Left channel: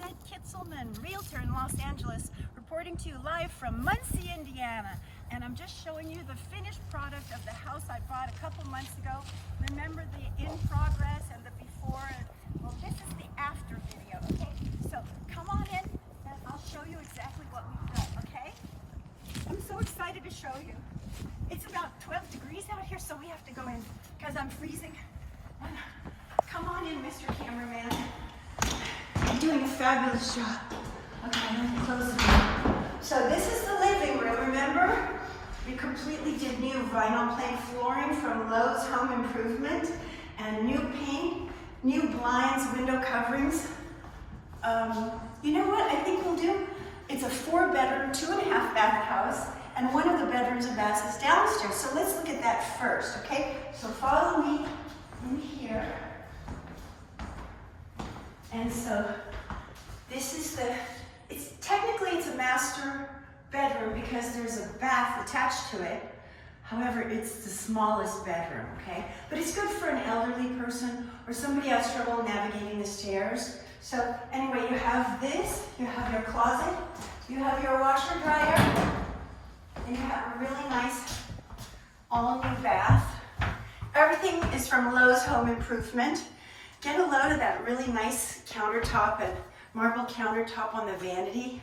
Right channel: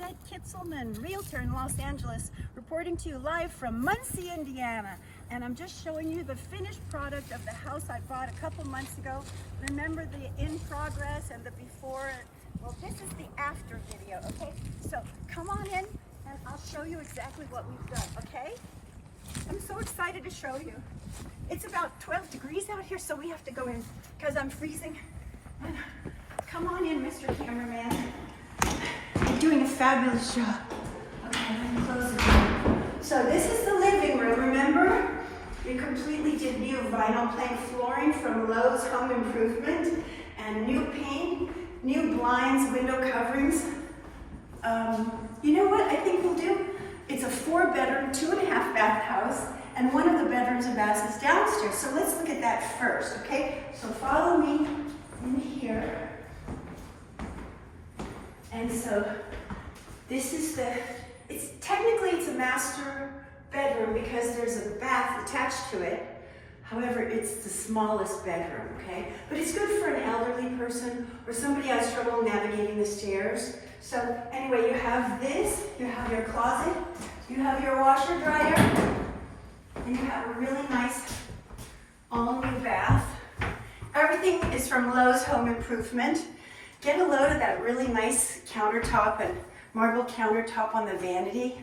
Suzette Kitzelman, Realtor in Los Angeles, reporting to you live from Muncie, Indiana. And I'm just showing you the finished product of the house I bought a couple months ago. Remember the in progress and the before? Well, this is the after video, okay? So come on in and I'll show you exactly what we've done, okay? I'm so excited to show you. It's about 12 degrees out here, so we have to go in because I'm freezing. And come on in, Mr. Cameraman. You're doing a fabulous job. Okay, let me close the door. So this is the living room, remember? We completely did new vinyl plank flooring from Lowe's Home Improvement and new paint, new blinds, window coverings. You know what I think we'll do? It's a 4-bedroom, 2.5 bath house, and one of the bedrooms and baths is downstairs. So let's look at that first, okay? So follow me in here. And so this is technically it's a master bedroom because there's a bath attached to it. However, it's the smallest bedroom, okay? But it's good for an elderly person or somebody who has trouble navigating the stairs. So anyway, you have this, you have your closet, you have your washer dryer, and you have a really nice all-new bath. Everything is from Lowe's Home Improvement. Get a load of that really nice countertop and marble countertop on the vanity.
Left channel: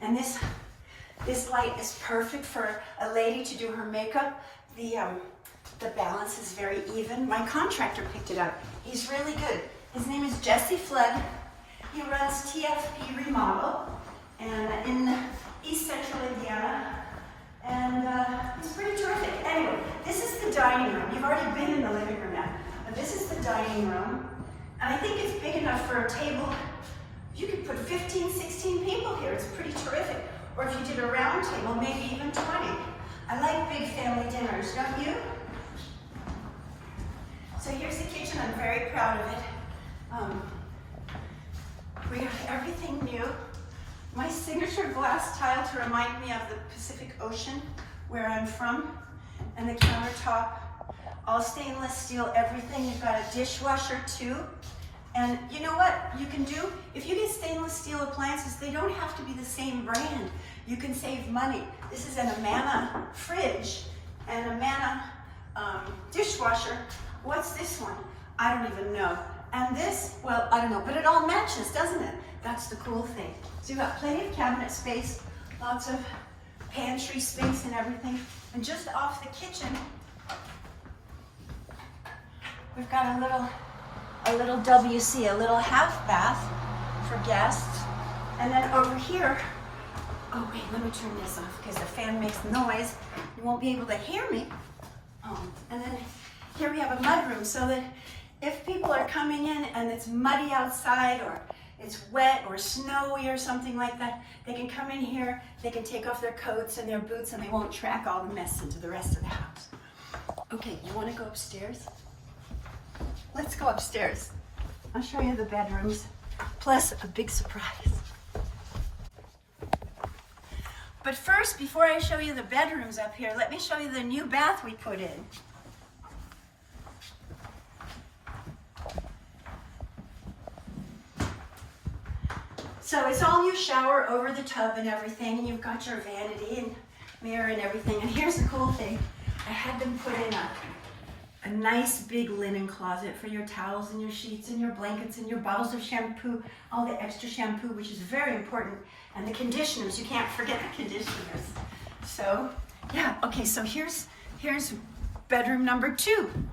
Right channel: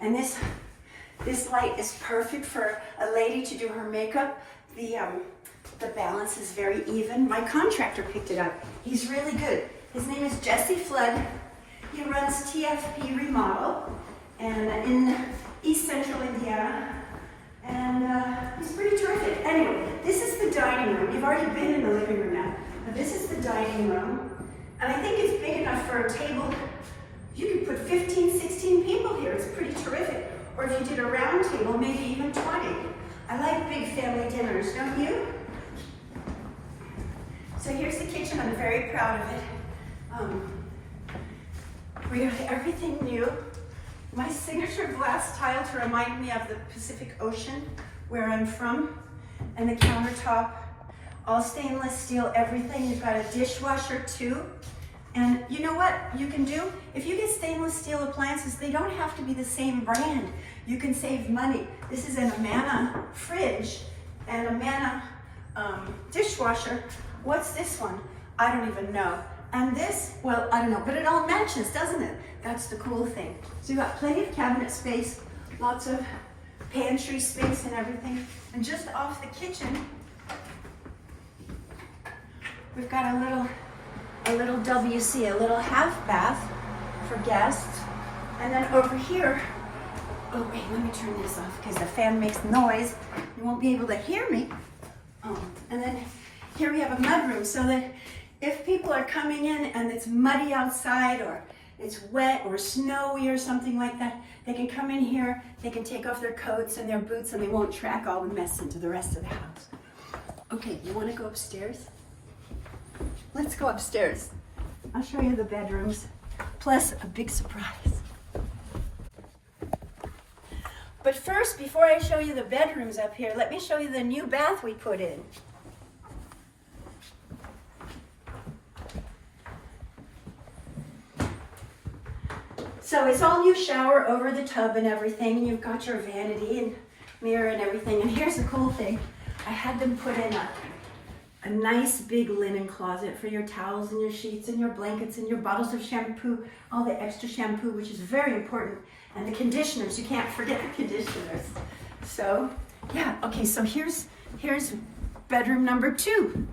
And this light is perfect for a lady to do her makeup. The balance is very even. My contractor picked it up. He's really good. His name is Jesse Flood. He runs TFP Remodel and in East Central Indiana. And he's pretty terrific. Anyway, this is the dining room. You've already been in the living room now. Now this is the dining room. And I think it's big enough for a table. You could put 15, 16 people here. It's pretty terrific. Or if you did a round table, maybe even 20. I like big family dinners, don't you? So here's the kitchen. I'm very proud of it. We have everything new. My signature glass tile to remind me of the Pacific Ocean, where I'm from. And the countertop, all stainless steel, everything. You've got a dishwasher too. And you know what you can do? If you get stainless steel appliances, they don't have to be the same brand. You can save money. This is an Amana fridge and a Amana dishwasher. What's this one? I don't even know. And this, well, I don't know, but it all matches, doesn't it? That's the cool thing. So you've got plenty of cabinet space, lots of pantry space and everything. And just off the kitchen, we've got a little WC, a little half bath for guests. And then over here, oh wait, let me turn this off because the fan makes noise. You won't be able to hear me. And then here we have a mudroom so that if people are coming in and it's muddy outside or it's wet or snowy or something like that, they can come in here, they can take off their coats and their boots and they won't track all the mess into the rest of the house. Okay, you want to go upstairs? Let's go upstairs. I'll show you the bedrooms, plus a big surprise. But first, before I show you the bedrooms up here, let me show you the new bath we put in. So it's all new shower over the tub and everything, and you've got your vanity and mirror and everything. And here's the cool thing. I had them put in a nice big linen closet for your towels and your sheets and your blankets and your bottles of shampoo, all the extra shampoo, which is very important. And the conditioners, you can't forget the conditioners. So, yeah, okay, so here's bedroom number 2.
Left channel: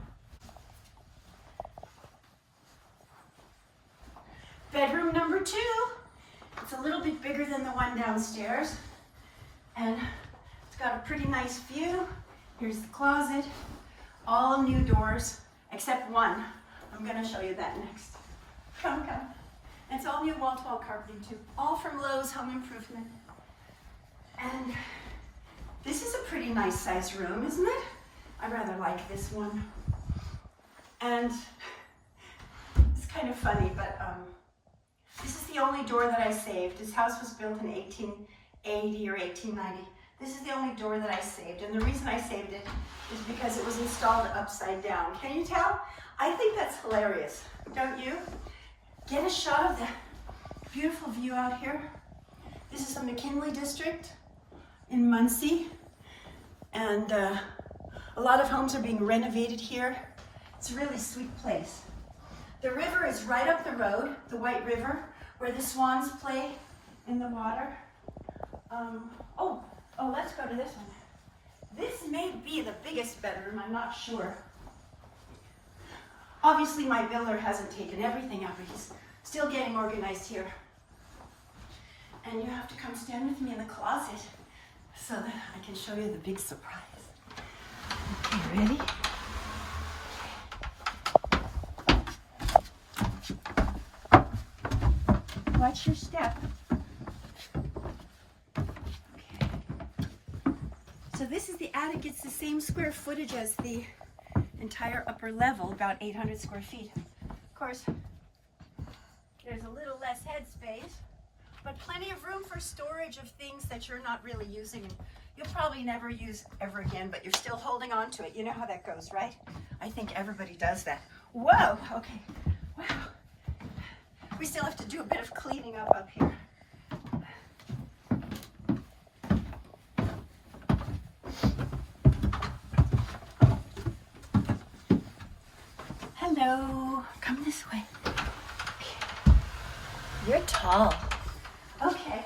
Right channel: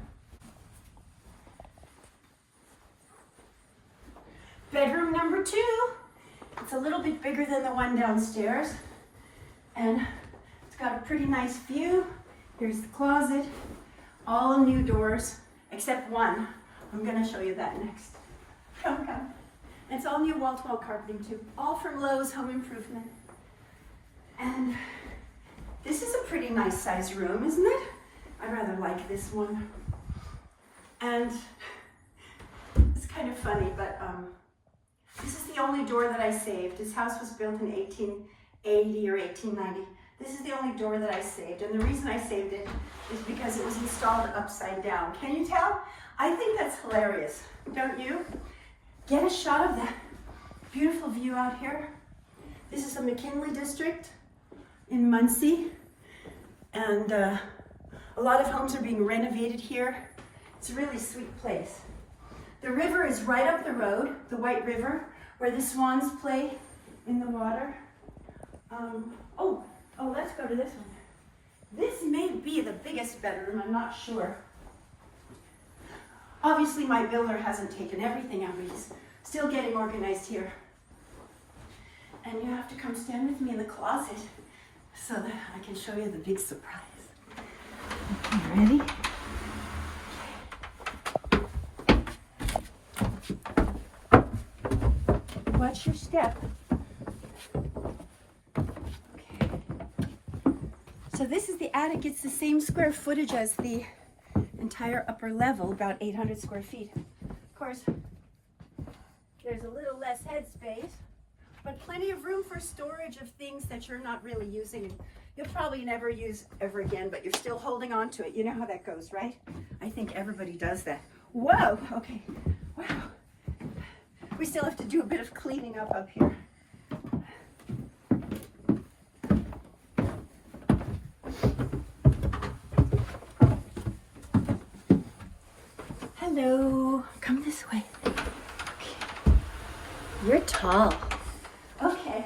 Bedroom number 2. It's a little bit bigger than the one downstairs. And it's got a pretty nice view. Here's the closet. All new doors, except one. I'm gonna show you that next. Come. It's all new wall-to-wall carpeting too. All from Lowe's Home Improvement. And this is a pretty nice sized room, isn't it? I rather like this one. And it's kind of funny, but this is the only door that I saved. This house was built in 1880 or 1890. This is the only door that I saved, and the reason I saved it is because it was installed upside down. Can you tell? I think that's hilarious, don't you? Get a shot of that Beautiful view out here. This is the McKinley district in Muncie. And a lot of homes are being renovated here. It's a really sweet place. The river is right up the road, the White River, where the swans play in the water. Let's go to this one. This may be the biggest bedroom, I'm not sure. Obviously my builder hasn't taken everything out, but he's still getting organized here. And you have to come stand with me in the closet so that I can show you the big surprise. Okay, ready? Watch your step. Okay. So this is the attic. It's the same square footage as the entire upper level, about 800 square feet. Of course, there's a little less headspace, but plenty of room for storage of things that you're not really using. You'll probably never use ever again, but you're still holding on to it. You know how that goes, right? I think everybody does that. Whoa, okay, wow. We still have to do a bit of cleaning up here. Hello, come this way. You're tall. Okay,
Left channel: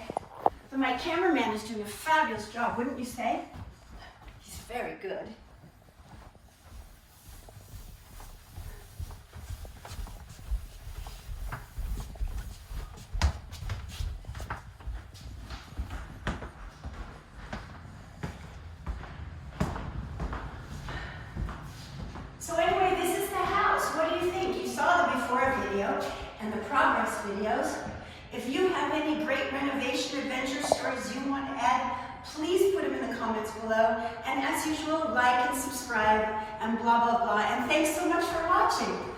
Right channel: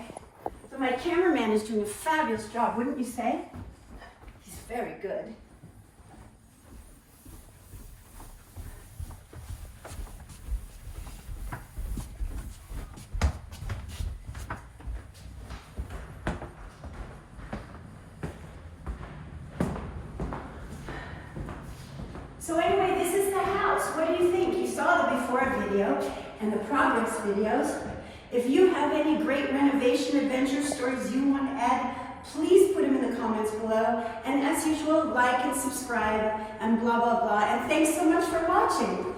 so my cameraman is doing a fabulous job, wouldn't you say? He's very good. So anyway, this is the house. What do you think? You saw the before video and the progress videos. If you have any great renovation adventure stories you want to add, please put them in the comments below. And as usual, like and subscribe and blah, blah, blah. And thanks so much for watching.